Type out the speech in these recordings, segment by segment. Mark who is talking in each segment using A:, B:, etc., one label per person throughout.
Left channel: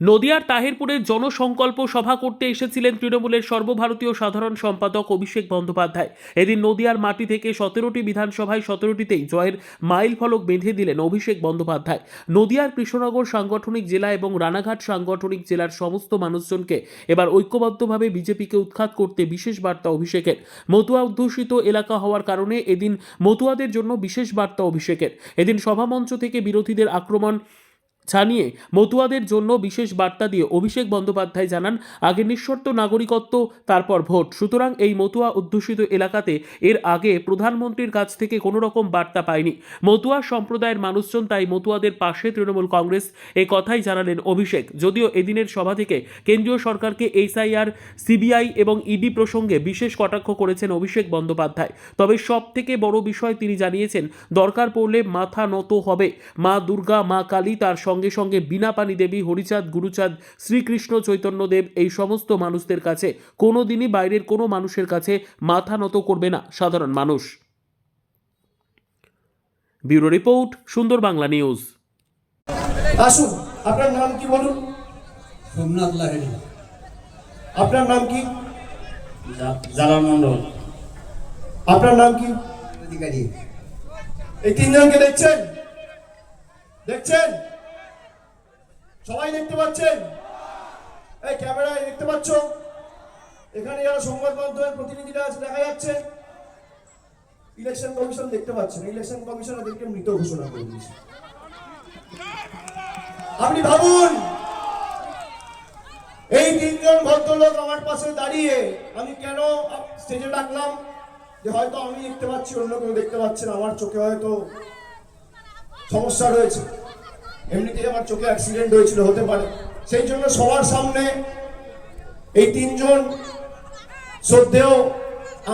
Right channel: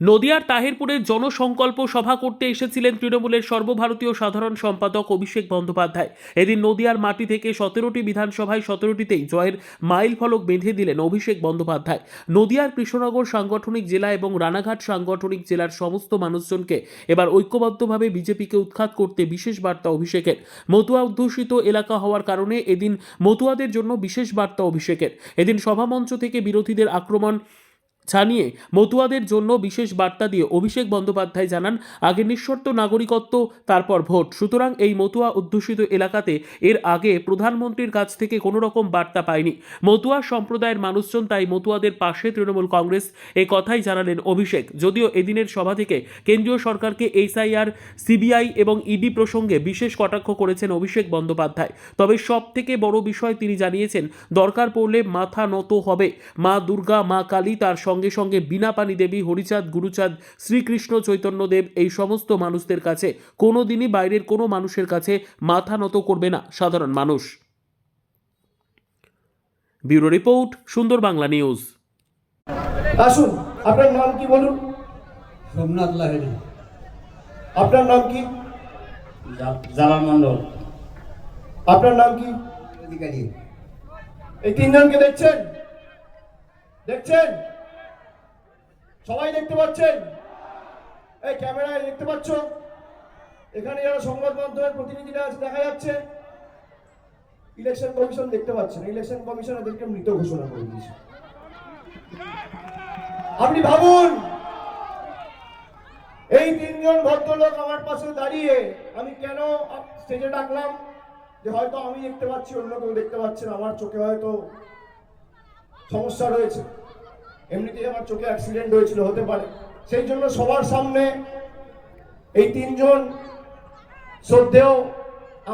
A: নদিয়ার তাহিরপুরের জনসংকল্প সভা করতে এসেছিলেন তৃণমূলের সর্বভারতীয় সাধারণ সম্পাদক অভিষেক বন্দ্যোপাধ্যায়। এদিন নদিয়ার মাটি থেকে সতেরোটি বিধানসভায় সতেরোটিতেই জয়ের মাইল ফলক বেঁধে দিলেন অভিষেক বন্দ্যোপাধ্যায়। নদিয়ার কৃষ্ণনগর সাংগঠনিক জেলা এবং রানাঘাট সাংগঠনিক জেলার সমস্ত মানুষজনকে এবার ঐক্যবদ্ধভাবে বিজেপিকে উৎখাত করতে বিশেষ বার্তা অভিষেকের। মতুয়া অধ্যুষিত এলাকা হওয়ার কারণে এদিন মতুয়াদের জন্য বিশেষ বার্তা অভিষেকের। এদিন সভামঞ্চ থেকে বিরোধীদের আক্রমণ ছানিয়ে মতুয়াদের জন্য বিশেষ বার্তা দিয়ে অভিষেক বন্দ্যোপাধ্যায় জানান, আগে নিঃশর্ত নাগরিকত্ব, তারপর ভোট। সুতরাং এই মতুয়া অধ্যুষিত এলাকাতে এর আগে প্রধানমন্ত্রীর কাছ থেকে কোনো রকম বার্তা পায়নি। মতুয়া সম্প্রদায়ের মানুষজন তাই মতুয়াদের পাশে তৃণমূল কংগ্রেস এ কথাই জানালেন অভিষেক। যদিও এদিনের সভা থেকে কেন্দ্রীয় সরকারকে এসআইআর, সিবিআই এবং ইডি প্রসঙ্গে বিশেষ কটাক্ষ করেছেন অভিষেক বন্দ্যোপাধ্যায়। তবে সব থেকে বড় বিষয় তিনি জানিয়েছেন, দরকার পড়লে মাথা নত হবে। মা দুর্গা, মা কালী তার সঙ্গে সঙ্গে বিনা পানি দেবী হরিচাঁদ গুরুচাঁদ শ্রীকৃষ্ণ চৈতন্যদেব এই সমস্ত মানুষদের কাছে কোনো দিনই বাইরের কোনো মানুষের কাছে মাথা নত করবে না সাধারণ মানুষ। ব্যুরো রিপোর্ট সুন্দর বাংলা নিউজ।
B: আসুন আপনার নাম কি বলুন?
C: সোমনাথ লাহিড়ী।
B: আপনার নাম কি?
C: জালাল মন্ডল
B: আপনার নাম কি?
C: অধিকারী।
B: এই তিনজনকে দেখছেন? দেখছেন? সবাই দেখতে পাচ্ছেন? এই ক্যামেরায় দেখতে পাচ্ছ? এখানে যারা সংবাদ মাধ্যমের প্রতিনিধিরা আছে, দেখা যাচ্ছে ইলেকশন কমিশন দেখতে পাচ্ছেন। ইলেকশন কমিশন এদেরকে মৃত ঘোষণা করে দিয়েছে। আপনি ভাবুন, এই তিনজন ভদ্রলোক আমার পাশে দাঁড়িয়ে আমি কেন স্টেজে ডাকলাম? যে হয়তো আমি দেখতে পাচ্ছি, অন্য কেউ দেখতে পাচ্ছেন আমার চোখে হয়তো সমস্যা রয়েছে। এমনিতেই আমার চোখে অ্যাক্সিডেন্ট হয়েছিল, হতে পারে। সেই জন্য সবার সামনে এই তিনজন শ্রদ্ধেয়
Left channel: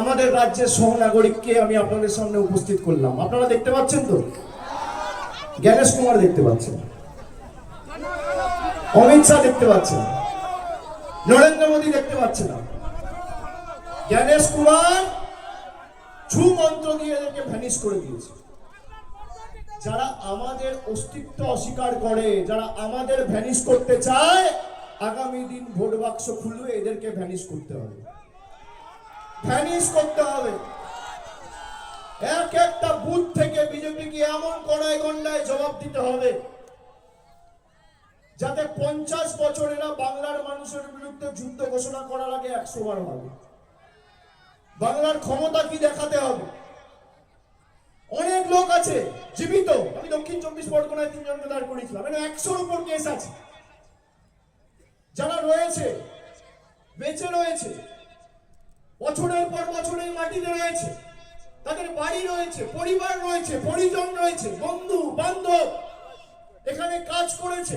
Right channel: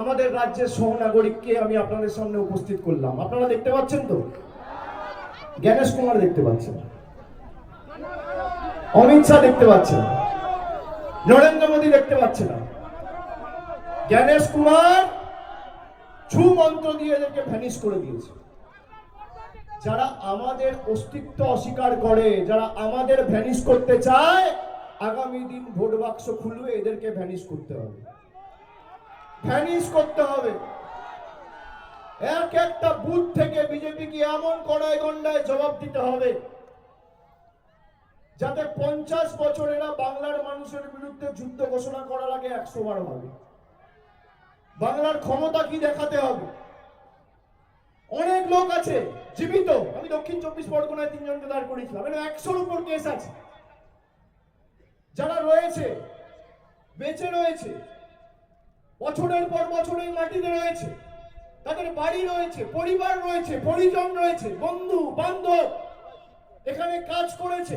B: আমাদের রাজ্যের সহনাগরিককে আমি আপনাদের সামনে উপস্থিত করলাম। আপনারা দেখতে পাচ্ছেন তো? জ্ঞানেশ কুমার দেখতে পাচ্ছেন। অমিত শাহ দেখতে পাচ্ছেন। নরেন্দ্র মোদী দেখতে পাচ্ছে না। জ্ঞানেশ কুমার ছু মন্ত্র দিয়ে এদেরকে ভ্যানিশ করে দিয়েছে। যারা আমাদের অস্তিত্ব অস্বীকার করে, যারা আমাদের ভ্যানিশ করতে চায়, আগামী দিন ভোট বাক্স খুলবে এদেরকে ভ্যানিশ করতে হবে। ভ্যানিশ করতে হবে। এক একটা বুথ থেকে বিজেপিকে এমন কড়াই গন্ডায় জবাব দিতে হবে, যাতে পঞ্চাশ বছরেরা বাংলার মানুষের বিরুদ্ধে যুদ্ধ ঘোষণা করার আগে একশো বার হবে। বাংলার ক্ষমতা কি দেখাতে হবে? অনেক লোক আছে, জীবিত। আমি দক্ষিণ চব্বিশ পরগনায় তিনজনকে দাঁড় করেছিলাম মানে একশোর উপর কেস আছে। যারা রয়েছে, বেঁচে রয়েছে, বছরের পর বছর এই মাটিতে রয়েছে, তাদের বাড়ি রয়েছে, পরিবার রয়েছে, পরিজন রয়েছে, বন্ধু, বান্ধব, এখানে কাজ করেছে।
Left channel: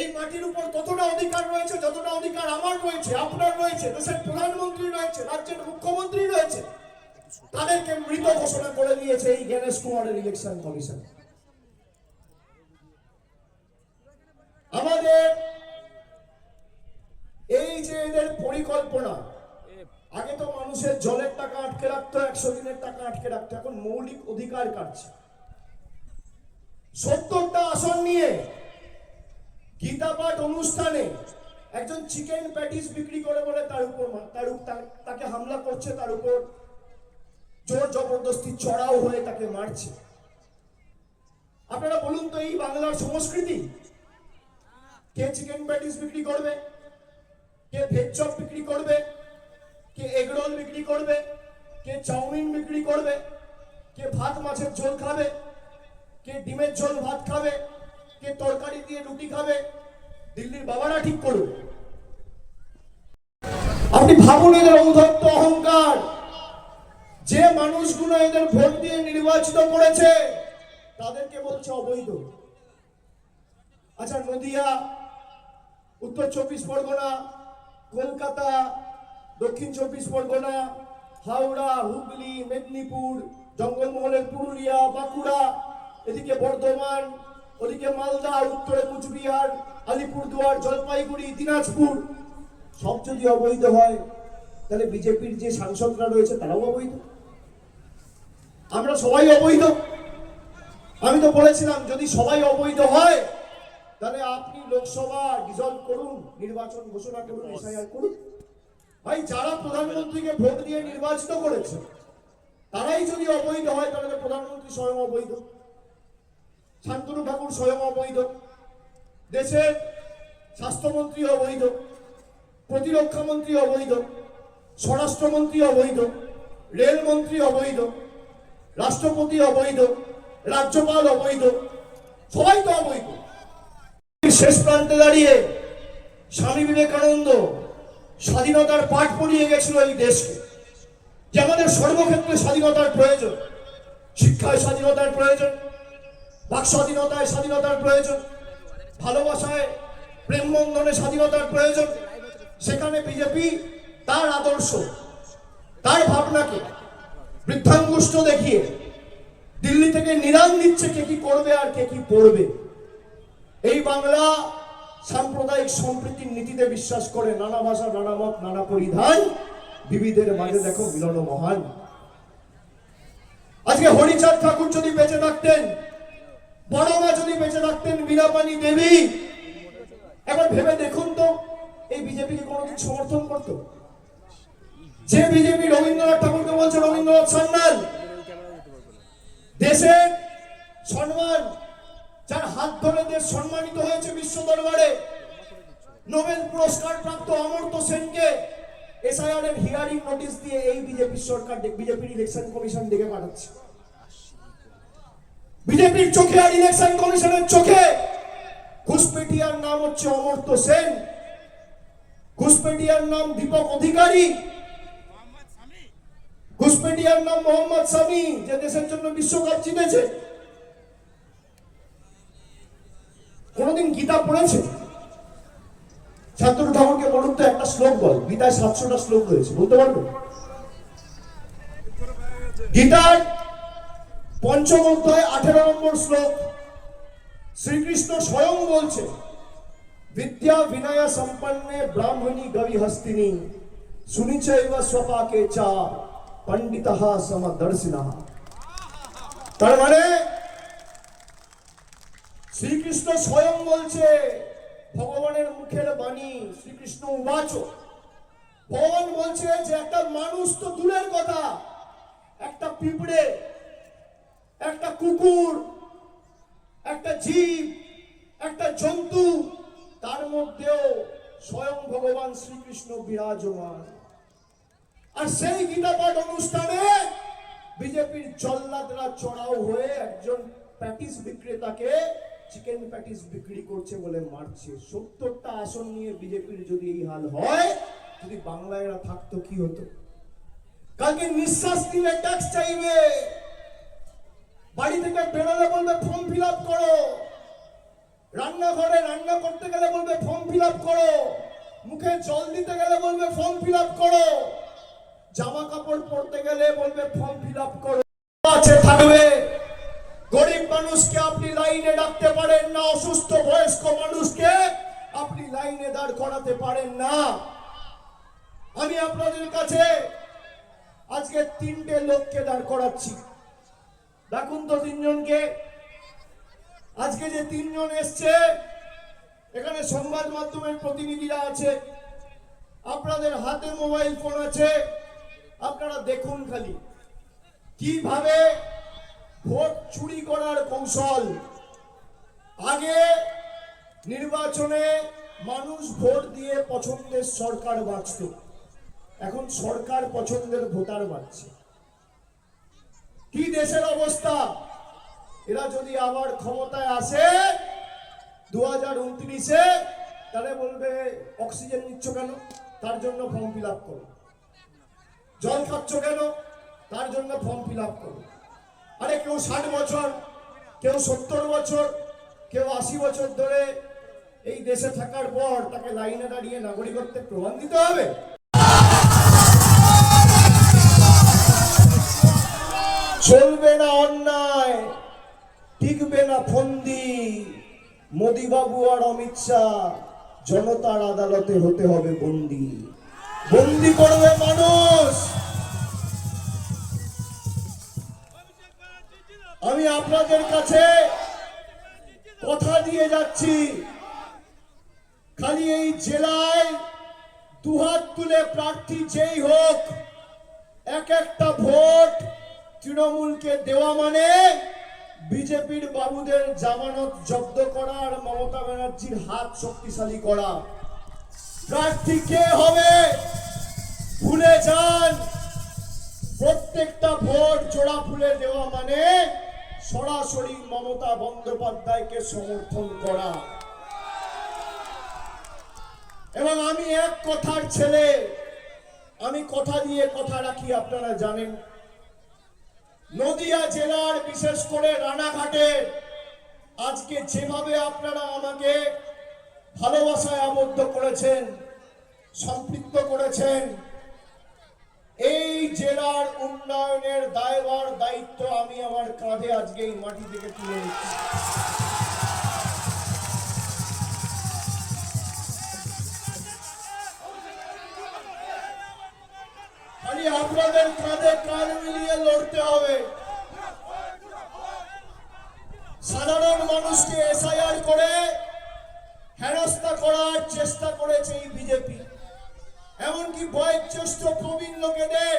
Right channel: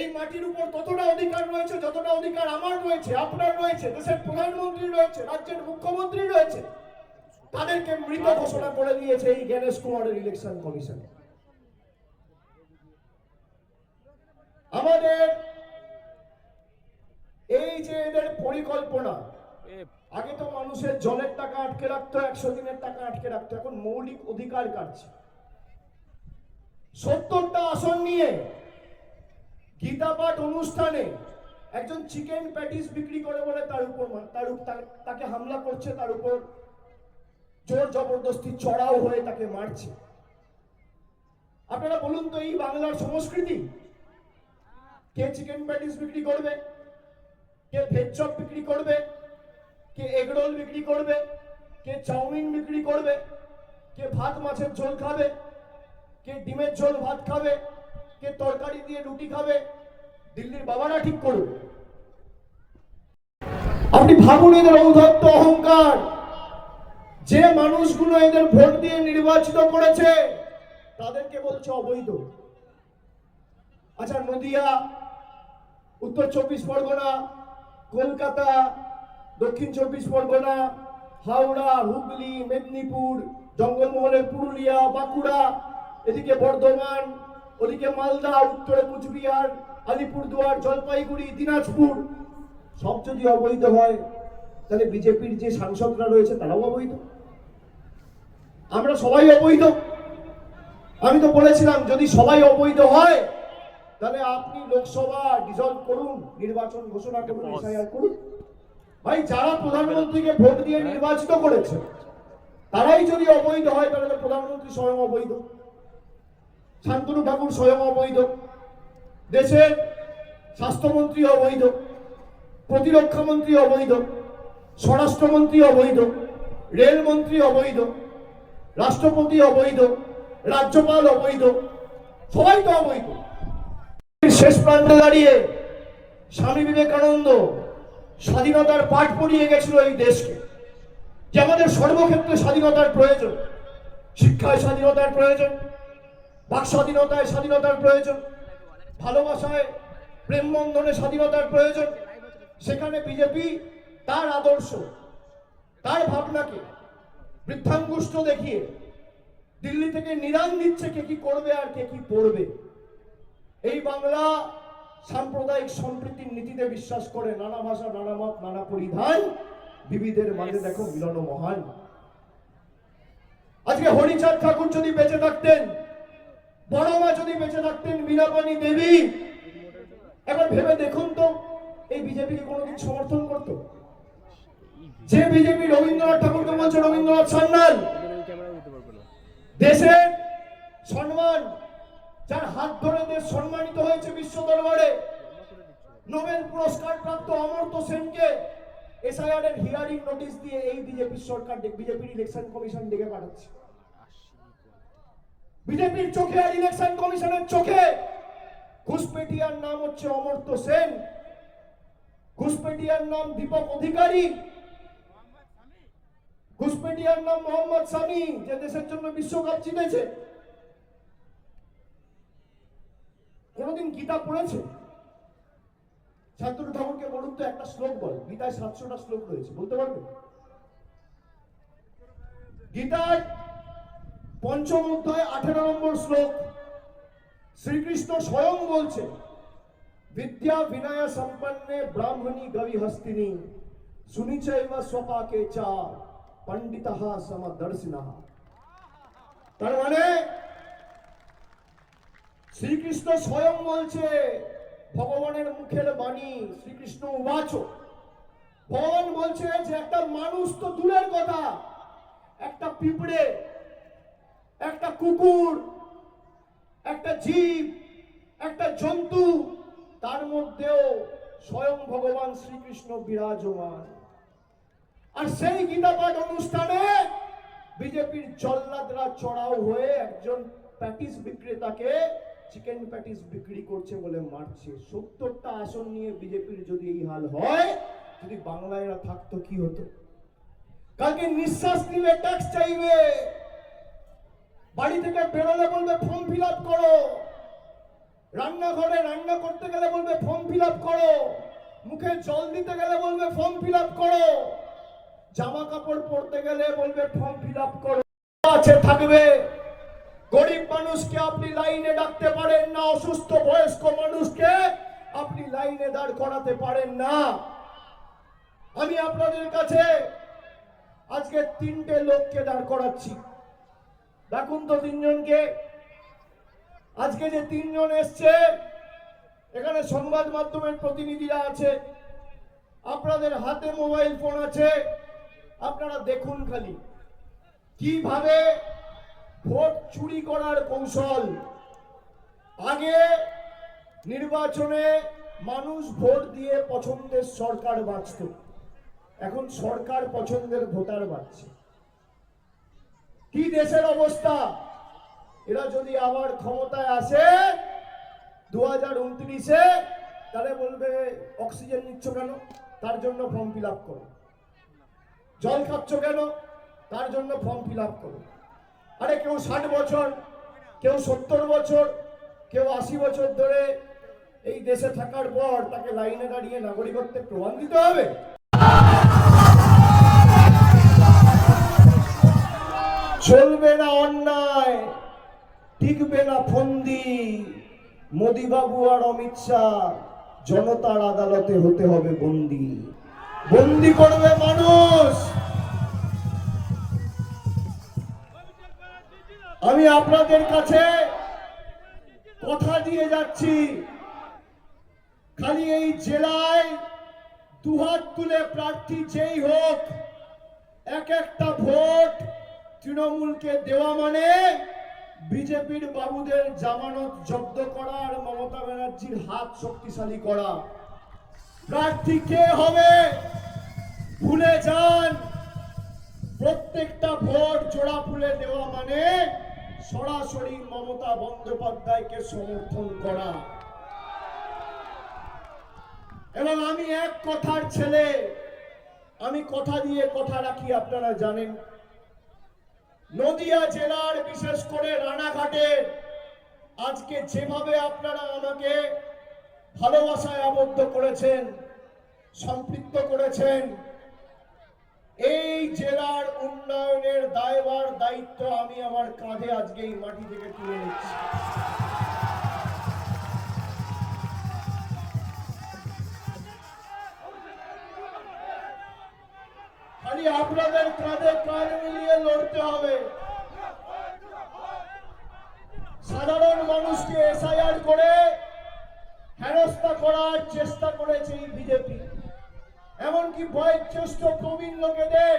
B: এই মাটির উপর ততটা অধিকার রয়েছে, যতটা অধিকার আমার রয়েছে, আপনার রয়েছে, দেশের প্রধানমন্ত্রী রয়েছে, রাজ্যের মুখ্যমন্ত্রী রয়েছে তাদেরকে মৃত ঘোষণা করে দিয়েছে এই জ্ঞানেশ কুমারের ইলেকশন কমিশন আমাদের এই যে এদের পরিকল্পনা, আগে তো মানুষের জলের টাকা আটকে রাখতো, একশো দিনের টাকা আটকে রাখতো, এখন মৌলিক অধিকার কাটছে। সত্তরটা আসন নিয়ে গীতা পাঠ অনুষ্ঠানে একজন চিকেন প্যাটিস বিক্রি করে বলে তার উপর তার উপ- তার- তাকে হামলা করছে, তার উপর জোর জবরদস্তি চড়াও হয়ে তাকে মারছে। আপনারা বলুন তো, এই বাংলার সংস্কৃতি? কে চিকেন প্যাটিস বিক্রি করবে? কে ভেজ চপ বিক্রি করবে? কে এগরোল বিক্রি করবে? কে চাউমিন বিক্রি করবে? কে ভাত, মাছের ঝোল খাবে? কে ডিমের ঝোল, ভাত খাবে? কে তরকারি দিয়ে রুটি খাবে? দিল্লির বাবারা ঠিক করবে আপনি ভাবুন এদের ঔদ্ধত্য অহংকার। যে মানুষগুলো এদের ভোট দিয়ে নির্বাচিত করেছে, তাদেরকে বলছে অবৈধ। আচ্ছা নদিয়া, উত্তর চব্বিশ পরগনা, কলকাতা, দক্ষিণ চব্বিশ পরগনা, হাওড়া, হুগলি, মেদিনীপুর, জঙ্গলমহলের পুরুলিয়া, বাঁকুড়া, এদিকে বর্ধমান, ওদিকে মালদা, উত্তরে কুচবিহার, আলিপুরদুয়ার, জলপাইগুড়ি, দিনাজপুর। সব যদি অবৈধ হয়, তাহলে বিজেপির যে সাংসদরা রয়েছে, তারাও অবৈধ। আমরা সবাই অবৈধ। আমি তো বলেছিলাম যদি সবাই অবৈধ হয় তাহলে আপনি লোকসভা ডিজলভ করুন নির্বাচন ঘোষণা করুন এসআইআর করুন। ভাই যারা প্রধানমন্ত্রীকে ভোট দিয়ে নির্বাচিত করেছে তারাই যদি অবৈধ হয় তাহলে প্রধানমন্ত্রী স্বয়ং অবৈধ। শান্তনু ঠাকুর স্বয়ং অবৈধ। দেশের স্বাস্থ্যমন্ত্রী অবৈধ। প্রতিরক্ষা মন্ত্রী অবৈধ। স্বরাষ্ট্রমন্ত্রী অবৈধ। রেলমন্ত্রী অবৈধ। রাষ্ট্রপতি অবৈধ, রাজ্যপাল অবৈধ, সবাই তো অবৈধ। শেষ প্রান্তে দাঁড়িয়ে স্বামী বিবেকানন্দ স্বাধীনতার পাঠ পড়িয়ে গেছিল এই দেশকে। যে আমাদের সর্বক্ষেত্রে স্বাধীনতার প্রয়োজন, শিক্ষায় স্বাধীনতার প্রয়োজন, বাক স্বাধীনতায় স্বাধীনতার প্রয়োজন, ভালোবাসায় প্রেম বন্ধনে স্বাধীনতার প্রয়োজন, সেখানে বিজেপি তার আদর্শ, তার ভাবনাকে বৃদ্ধাঙ্গুষ্ঠ দেখিয়ে দিল্লি থেকে নিরান দিচ্ছে কে কি করবে আর কে কি পড়বে। এই বাংলা সাম্প্রদায়িক সম্প্রীতির নীতিতে বিশ্বাস করে নানা ভাষা, নানা মত, নানা পরিধান, বিবিধের মাঝে দেখো মিলন মহান। আজকে হরিচাঁদ ঠাকুর যদি বেঁচে থাকতেন বড় মা যদি বেঁচে থাকতেন, মীরাপানি দেবী, একবার ভেবে দেখুন তো, এই বিজেপিকে কোনোদিন সমর্থন করতো? যে বিজেপি রবীন্দ্রনাথ ঠাকুরকে রবীন্দ্রনাথ দেশের সম্মান যার হাত ধরে দেশ সম্মানিত হয়েছে বিশ্ব দরবারে। নোবেল পুরস্কার প্রাপ্ত সেনকে হিয়ারিং দিয়ে এই বিজেপি সরকার বিজেপির ইলেকশন কমিশন পাঠাচ্ছে। বিজেপির চোখে আর ইলেকশন কমিশনের চোখে ঘুষপেটিয়ার নাম হচ্ছে অমর্ত্য সেন। ঘুষপেটিয়ার নাম দীপক অধিকারী। ঘুষপেটিয়ার নাম মোহাম্মদ সামি, যে দেশের জন্য বিশ্বকাপ জিতেছে। কোনদিন গীতা পড়েছে? ছাত্র ঠাকুরকে বলুন তো একটা শ্লোক বল, গীতায় সাতশোটা শ্লোক রয়েছে, বলতে পারব? গীতার পঞ্চম অধ্যায় আঠেরো নম্বর শ্লোক, শ্রীকৃষ্ণ স্বয়ং বলছে, বিদ্যা বিনয় সম্পন্নে ব্রাহ্মণী গবি হস্তিনী সুনিচৈব স্বপাকে চা পণ্ডিত সমদর্শিনা তার মানে শ্রীকৃষ্ণ স্বয়ং বলছে ভগবানের মুখের বাণী শ্রীকৃষ্ণ উবাচ ভগবান বলছে যে একটা মানুষ তো দূরের কথা, একটা পিঁপড়ে, একটা কুকুর, একটা জীব, একটা জন্তু, তার মধ্যেও স্বয়ং ভগবান শ্রীকৃষ্ণ বিরাজমান। আর সেই গীতা পাঠ অনুষ্ঠানে বিজেপির জল্লাদরা চড়াও হয়ে একজন প্যাটিস বিক্রেতাকে চিকেন প্যাটিস বিক্রি করছে বলে মারছে। সত্তরটা আসন নিয়ে বিজেপির যদি এই হাল হয়, যদি বাংলায় এরা থাকতো, কি হতো? কালকে নিঃশ্বাস নিলে ট্যাক্স চাইবে। বাড়ি থেকে বেরোলে বলবে ফর্ম ফিল আপ করো। রান্নাঘরে রান্না করতে গেলে বলবে ফর্ম ফিল আপ করো। মুখে জল দিতে গেলে বলবে ফর্ম ফিল আপ করো। জামা কাপড় পরতে গেলে বলবে ফর্ম ফিল আপ করো। আছে, থাকবে। গরিব মানুষকে আপনি লাইনে ডাকতে পারেন না, অসুস্থ বয়স্ক মানুষকে আপনি লাইনে দাঁড় করাতে পারেন না। আমি আপনাদের কাছে আজকে তিনটে লোককে দাঁড় করাচ্ছি। দেখুন তো তিনজনকে। আজকে যে তিনজন এসছে, এখানে সংবাদ মাধ্যমের প্রতিনিধিরা আছে। আপনাদের হাতে মোবাইল ফোন আছে। আপনারা দেখুন খালি কীভাবে ভোট চুরি করার কৌশল। আগে নির্বাচনে মানুষ ভোট দিয়ে পছন্দের সরকার বাঁচত। এখন সরকার পছন্দের ভোটার বাঁচছে কি দেশের অবস্থা? এরা যদি আবার ক্ষমতায় আসে দু হাজার উনত্রিশে তাহলে বলবে, অক্সিজেন নিচ্ছ কেন? তার জন্য ফর্ম ফিল আপ করো। জল খাচ্ছ কেন? তার জন্য ফর্ম ফিল আপ করো। আরে কেউ ষাট বছর, কেউ সত্তর বছর, কেউ আশি বছর ধরে এই দেশে থাকার পর তাকে লাইনে দাঁড়িয়ে নাগরিকত্বের প্রমাণ দিতে হবে। চলবে না অন্যায়, টিকবে না ফন্দি। মোদি বাবু আর অমিত শাহ জনতার আদালতে হতে হবে বন্দি। বন্দি করবে মানুষ। আমি আপনাদের কাছে কথা দিয়ে যাচ্ছি। খালি এই জেলায় দুহাত তুলে প্রার্থী যেই হোক, এক একটা ভোট তৃণমূলকে দেওয়া মানে বিজেপির বাবুদের জামানত জব্দ করা আর মমতা ব্যানার্জির হাত শক্তিশালী করা। প্রার্থী কে হবে? ভুলে যান। প্রত্যেকটা ভোট জোড়া ফুলে দেওয়া মানে সরাসরি মমতা বন্দ্যোপাধ্যায়কে সমর্থন করা। এবং আমি এক কথার ছেলে, আমি কথা দিয়ে কথা রাখি, আপনারা জানেন। নদিয়া জেলার, বিশেষ করে রানাঘাটে, আজকে যেভাবে আপনারা আমাকে ভালোবাসায় আবদ্ধ করেছেন, সম্পৃক্ত করেছেন, এই জেলার উন্নয়নের দায়ভার, দায়িত্ব আমি আমার কাঁধে আজকে এই মাটি থেকে তুলে নিচ্ছি। আপনাদের কাঁধ মিলিয়ে লড়তে হবে। সাধারণ মানুষকে এসআইআর করে হেনস্থা করার চেষ্টা করেছে এই বিজেপি। এমনকি বয়োজ্যেষ্ঠ প্রবীণ লোকেদের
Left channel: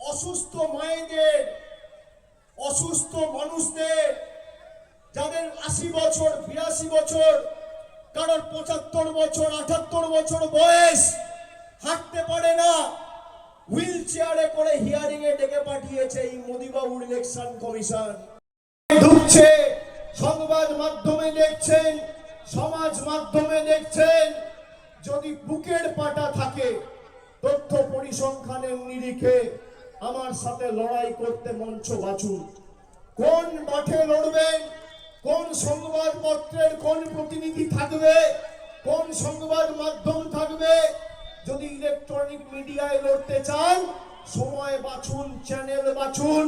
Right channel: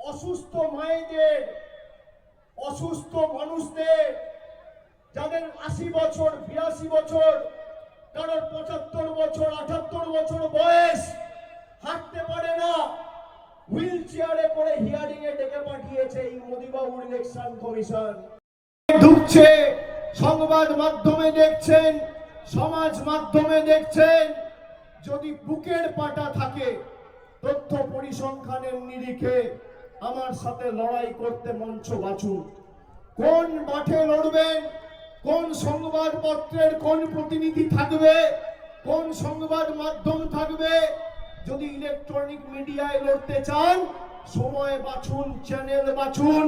B: অসুস্থ মায়েদের, অসুস্থ মানুষদের, যাদের আশি বছর, বিরাশি বছর কারোর পঁচাত্তর বছর, আটাত্তর বছর বয়স হাঁটতে পারে না। হুইল চেয়ারে করে হিয়ারিং এ ডেকে পাঠিয়েছে এই মোদিবাবুর ইলেকশন কমিশন। ঢুকছে, সংবাদ মাধ্যমে দেখছেন, সমাজ মাধ্যমে দেখছেন, যদি বুকের পাটা থাকে, তথ্য পরিসংখ্যানের নিরিখে আমার সাথে লড়াই করতে মঞ্চ বাছুন কোন মাঠে লড়বেন কোন সংবাদপত্রের কোন প্রতিনিধি থাকবে? কোন সংবাদ মাধ্যম থাকবে? যদি ইলেকট্রনিক মিডিয়ায় লড়তে চান, সময় বাছুন চ্যানেল বাছুন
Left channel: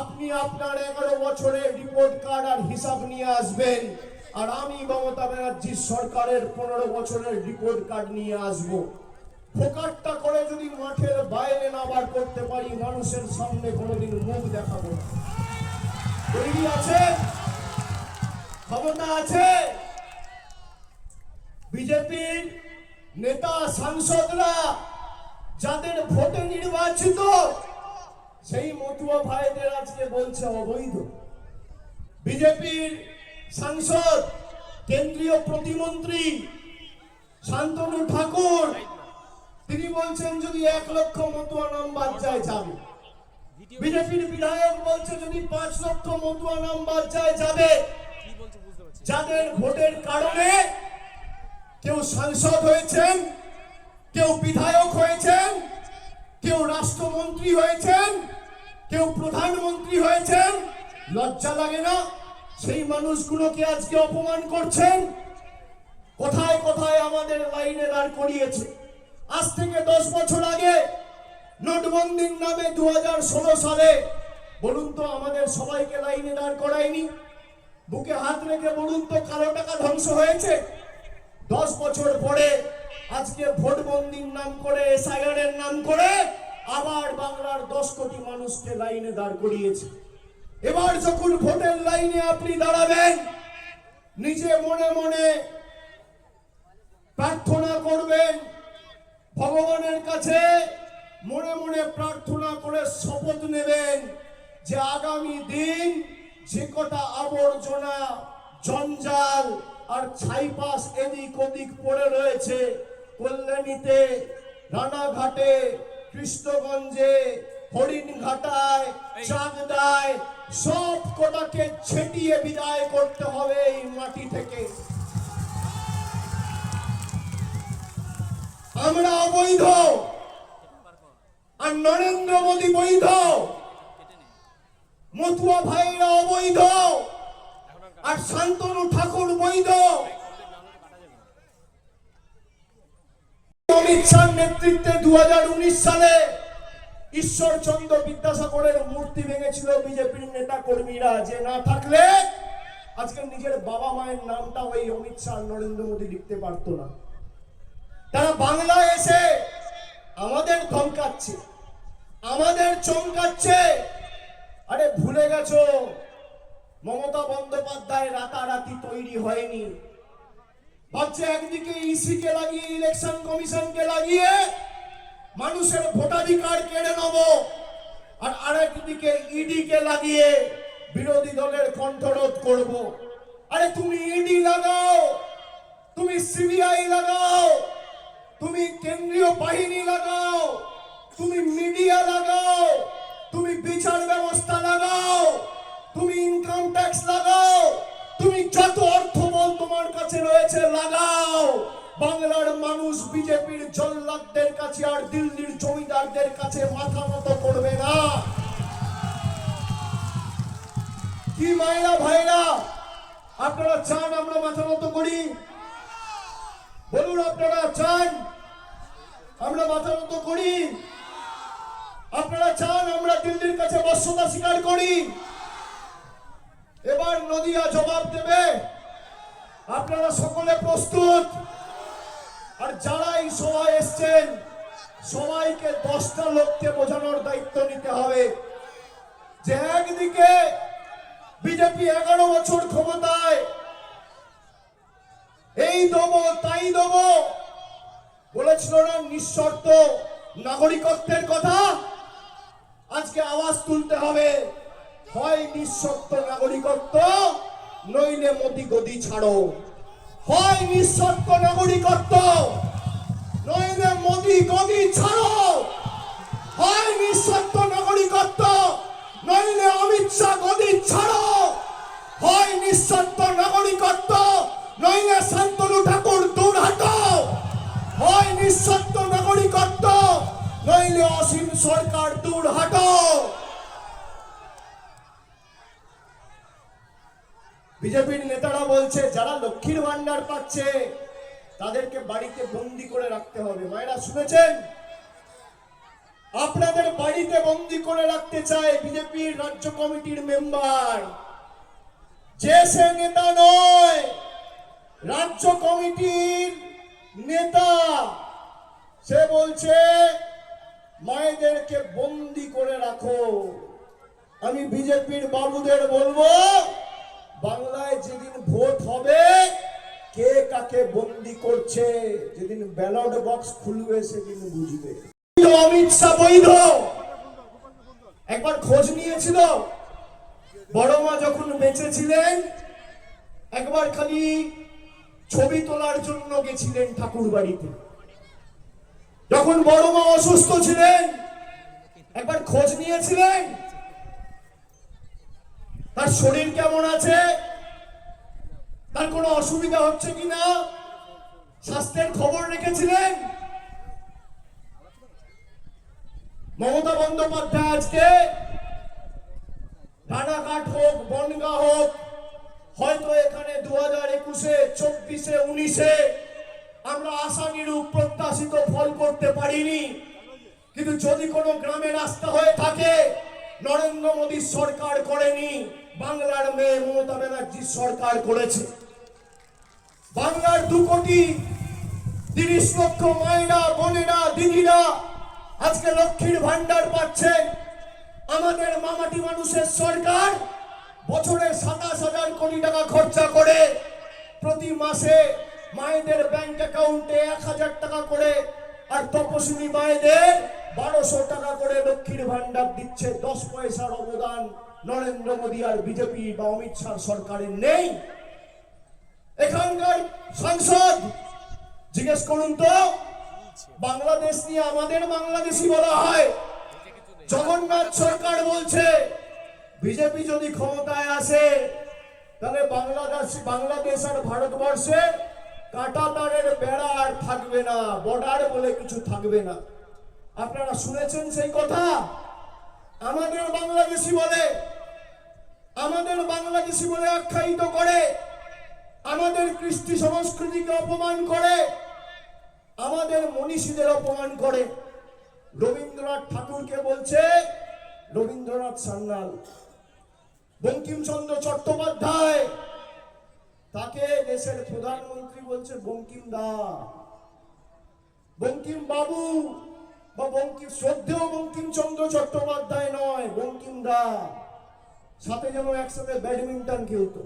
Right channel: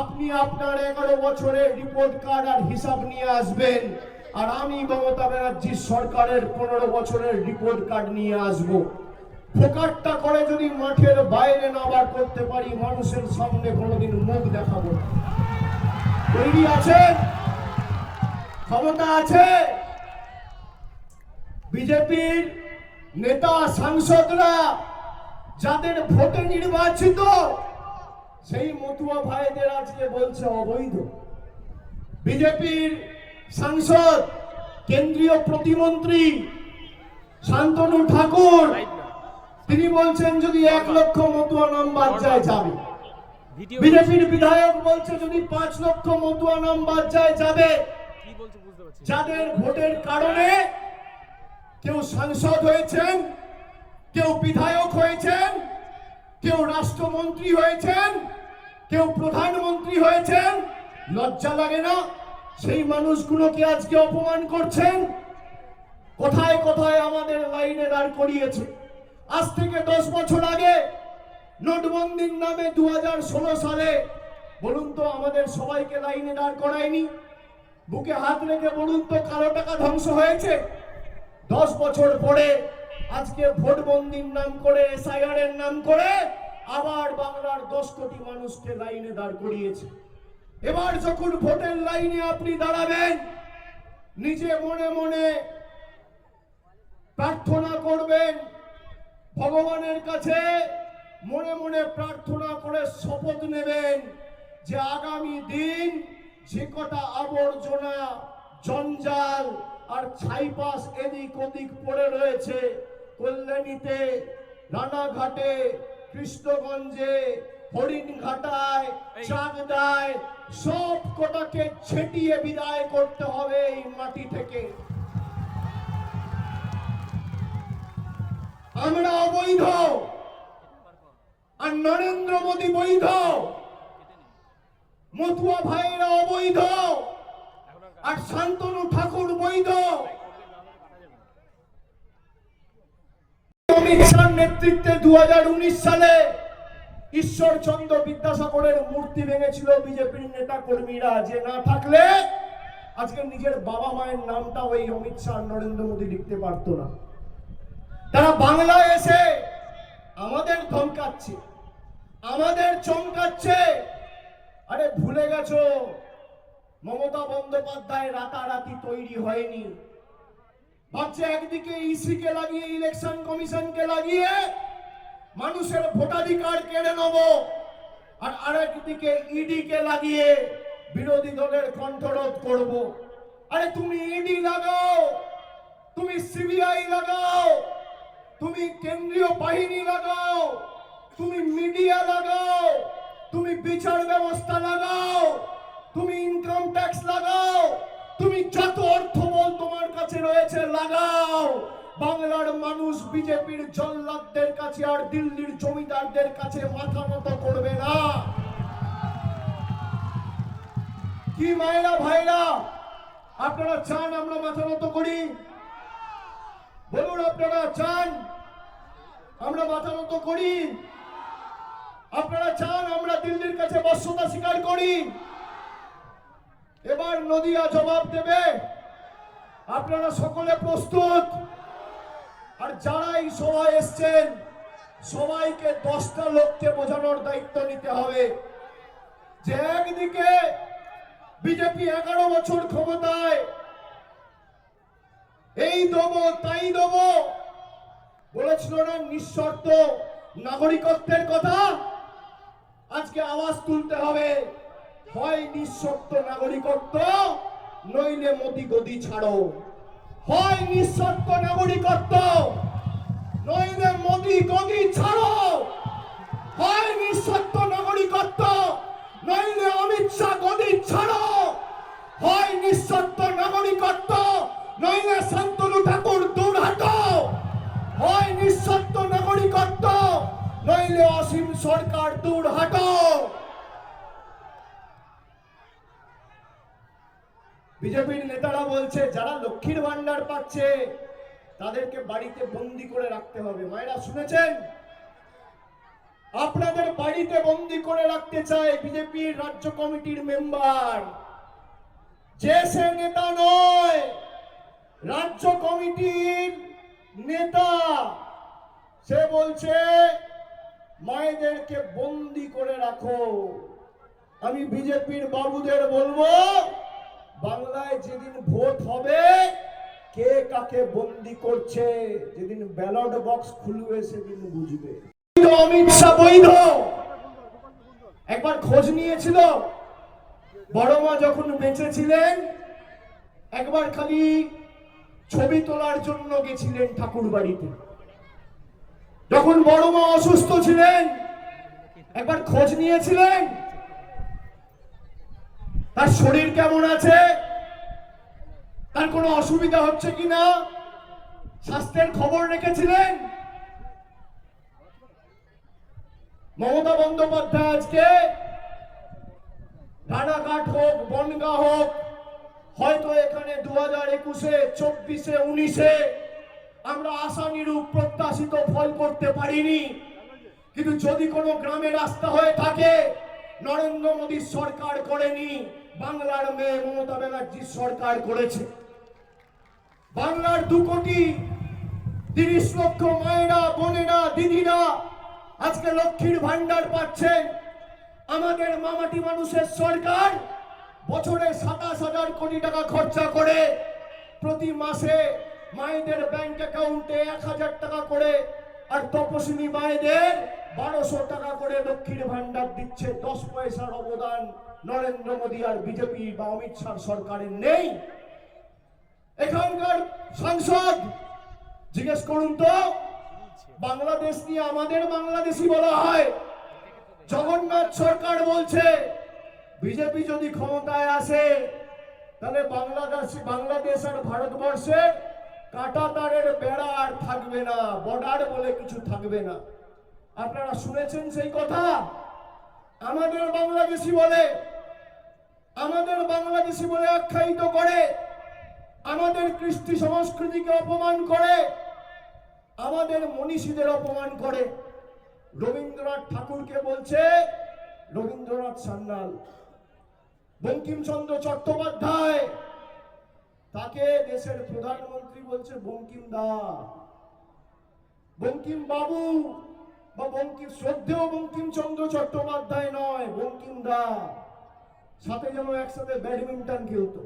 B: আপনি আপনার এগারো বছরের রিপোর্ট কার্ড আর হিসাব নিয়ে আসবেন। আর আমি মমতা ব্যানার্জির সরকারের পনেরো বছরের রিপোর্ট কার্ড নিয়ে আসব। ফোকাটটা করে যদি মাঠের বাইরে না বার করতে পারি, মানুষের সামনে কোনোদিন মুখ দেখাবো। তৈরি আছেন ক্ষমতা আছে? বিজেপির নেতা, সাংসদরা যাদের ভোটে নির্বাচিত, সেই মতুয়া ভাইদের আজকে বলছে অবৈধ। বিজেপির সাংসদ, কেন্দ্রীয় প্রতিমন্ত্রী শান্তনু ঠাকুর তিনি বলছেন যদি এক লক্ষ মতুয়া নাম্বার যায় যাবে। বিজেপির বিধায়ক বলছে যদি পাঁচ লক্ষ মতুয়া নাম্বার যায় যাবে যাদের ভোটের কারণে কেউ সাংসদ হয়েছেন কেউ বিধায়ক হয়েছেন কেউ রাষ্ট্রমন্ত্রী হয়েছেন কেউ প্রধানমন্ত্রী হয়েছেন লজ্জা লাগে না সেই মানুষগুলোকে আজকে অপমান করছেন কোথায় কোথায় আমাদের লাইনে দাঁড় করিয়েছে। আজ থেকে দশ বছর আগে নোটবন্দির নামে দু হাজার ষোলো সালে, বলুন তো আমাদের সবাইকে লাইনে দাঁড় করায়নি। বুকে হাত রেখে বলুন তো কালো টাকা ধ্বংস হয়েছে। দশ বছর পরে আজকে ভোটবন্দির নাম করে, এসআইআর এর নাম করে আবার বাংলার দশ কোটি মানুষকে লাইনে দাঁড় করিয়েছে। এবার যখন ভোটের লাইনে আপনি দাঁড়াবেন, নিজে মনে মনে প্রার্থনা করবেন ভগবানের কাছে মনে মনে প্রার্থনা করে শপথ নেবেন যে আগামী দিন যে কটা আবর্জনা জঞ্জাল আর ছাইপাস এদিক ওদিক পড়ে রয়েছে কল্যাণীতে রানাঘাটে কৃষ্ণগঞ্জে হরিণঘাটায় চাকদায় সব কটাকে ছেটিয়ে বিদায় করতে হবে এই মাটি থেকে। আমরা অবৈধ। আর নরেন্দ্র মোদী বৈধ। মতুয়া ভাইরা অবৈধ। আর শান্তনু ঠাকুর বৈধ। অমিত শাহ নেতৃত্বে দু হাজার উনিশ সালে ঈশ্বরচন্দ্র বিদ্যাসাগরের মূর্তি ভেঙেছিল বিজেপির নেতা কর্মীরা যে না থাকলে আজকে নিজের বাবা মায়ের নামটা ওই অমিত শাহ নরেন্দ্র মোদী লিখতে পারতো না। তারা বাংলায় এসে আমাদের ধমকাচ্ছে। আমাদের চমকাচ্ছে। আরে ভুলে গেছো, মমতা বন্দ্যোপাধ্যায় রাতারাতি তৈরি হয়নি। ভাবছে একদিকে ইসি কে লাগিয়ে, ইলেকশন কমিশনকে লাগিয়ে মানুষের ভোটাধিকার কেড়ে নেব, আর আরেকদিকে ইডি কে লাগিয়ে বিরোধী দলের কণ্ঠরোধ করব। আরে তুমি ইডি লাগাও, তুমি সিবিআই লাগাও তুমি কেন্দ্রীয় বাহিনী লাগাও, তুমি মিডিয়া লাগাও, তুমি বিচার ব্যবস্থা লাগাও, তুমি ইনকাম ট্যাক্স লাগাও, তুমি যত অর্থবল তোমার কাছে রয়েছে লাগাও। বাংলার মানুষ বিজেপির জল্লাদদের কাছে আর দিল্লির জমিদারদের কাছে মাথা মতো করবে না। কি মায়েরা ভাইরা, আপনারা চান আমরা মাথা মতো করি। বলুন আপনারা চান, আমরা মাথা মতো করি। আপনারা চান, আমরা দিল্লির কাছে বর্ষতা স্বীকার করি। এবার নদিয়া জবাব দেবে। আপনারা সকলে প্রস্তুত? আর যারা এই সভায় এসছেন, সবাইকে দশটা লোককে বোঝানোর দায়িত্ব নিতে হবে। যে একদিকে বিজেপি এগারো বছর ক্ষমতায় এই দেবো, তাই দেবো। বলেছিল না, নিঃশর্ত। নাগরিকত্বের কথা। আজকে আওয়াজ তুলতে হবে। হয় নিঃশর্ত নাগরিকত্ব, নইলে মোদি গদি ছাড়ো। হয় নিঃশর্ত নাগরিকত্ব, নইলে মোদি গদি ছাড়ো। হয় নিঃশর্ত নাগরিকত্ব, নইলে অমিত শাহ গদি ছাড়ো। হয় নিঃশর্ত নাগরিকত্ব, নইলে সরকার দূর হাটাও বিজেপির নেতারা বলছে, যারা লক্ষ্মীর ভান্ডার পাচ্ছে, তাদেরকে বাড়িতে বন্দি করে রাখতে হবে। মায়েরা শুনেছেন? আপনাদের বাড়িতে বন্দি করে রাখতে চায় বিজেপির রাজ্য কমিটির মেম্বার। যে সে নেতা নয়, রাজ্য কমিটির নেতা। সে বলছে মায়েদেরকে বন্দি করে রাখো। আমি বিজেপির বাবুদের বলব, বাংলায় যেদিন ভোট হবে, কে কাকে বন্দি করছে, যেদিন ব্যালট বক্স খুলবে, সেদিন বুঝবে। অমিত শাহ বৈধ। একবার খোঁজ নিয়েছিল? বড় মা যখন বেঁচে ছিলেন একবার খালি ছবি তোলার জন্য গেছিলেন ঠাকুর বাড়িতে যখন বড় মা অসুস্থ ছিলেন, একবার খোঁজ নিয়েছিলেন? তার শরীর কেমন আছে? তার কোনো অসুবিধা হচ্ছে কিনা? স্বাস্থ্যের খবর রেখেছিলেন? মমতা বন্দ্যোপাধ্যায় আজকে রানাঘাট হোক, বনগা হোক, হয়তো এখানে দু হাজার একুশে, চব্বিশে, উনিশে আমরা আশানুরূপ প্রত্যাশিত ফল করতে পারিনি। কিন্তু যদি কোনো গ্রামে রাস্তা হয়ে থাকে, নরেন্দ্র মোদীর সরকার করেনি, বাংলার মেয়ে মমতা ব্যানার্জির সরকার করেছে। বাংলার দু কোটি তিরিশ লক্ষ মায়েরা, বোনেরা, দিদিরা আজকে লক্ষ্মীর ভান্ডার পাচ্ছেন। আমাদের মামাটি মানুষের সরকার বছরে সাতাশ হাজার কোটি টাকা খরচা করে প্রতি মাসে মায়েদের ব্যাংক অ্যাকাউন্টে এক হাজার টাকা করে আর তপশিলি মায়েদের বারোশো টাকা করে লক্ষ্মীর ভান্ডার দিচ্ছে। দশ পয়সার অবদান নরেন্দ্র মোদী আর বিজেপি বা অমিত শাহ সরকারের নেই। এখানকার সংসদ, জিজ্ঞেস করুন তো, বাংলাদেশ নিয়ে আমাদের বাংলাদেশি বলা হয়। জগন্নাথ সরকার বলছে, বিজেপি যদি ক্ষমতায় আসে, তাহলে বাংলাদেশ বাংলাদেশ আর ভারতবর্ষে কাঁটা তারের বেড়া আর থাকবে না, বর্ডার বলে কিছু থাকবে না। আপনারা শুনেছেন সেই কথা? আমাদের বাংলাদেশি বলে, আমাদের বাংলাদেশি বলে আখ্যায়িত করে, আমাদের কৃষ্টি সংস্কৃতিকে অপমান করে, আমাদের মনীষীদের অপমান করে। রবীন্দ্রনাথ ঠাকুরকে বলছে রবীন্দ্রনাথ সান্যাল, বঙ্কিমচন্দ্র চট্টোপাধ্যায় তাকে দেশের প্রধানমন্ত্রী বলছে বঙ্কিম দা বঙ্কিম বাবু বা বঙ্কিম, শ্রদ্ধেয় বঙ্কিমচন্দ্র চট্টোপাধ্যায় নয়, বঙ্কিম দা। সাথে যেন একসাথে ব্যাডমিন্টন খেলতো।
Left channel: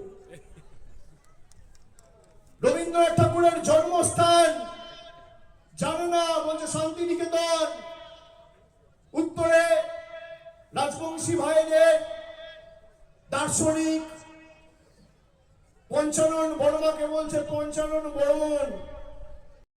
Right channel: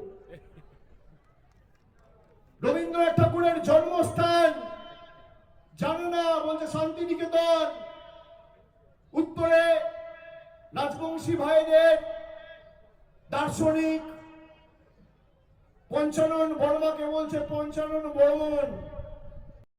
B: রবীন্দ্রনাথ ঠাকুরের জন্মস্থান জানো না বলছে শান্তিনিকেতন। উত্তরে রাজবংশী ভাইদের দার্শনিক পঞ্চানন বর্মাকে বলছে পঞ্চানন বর্মন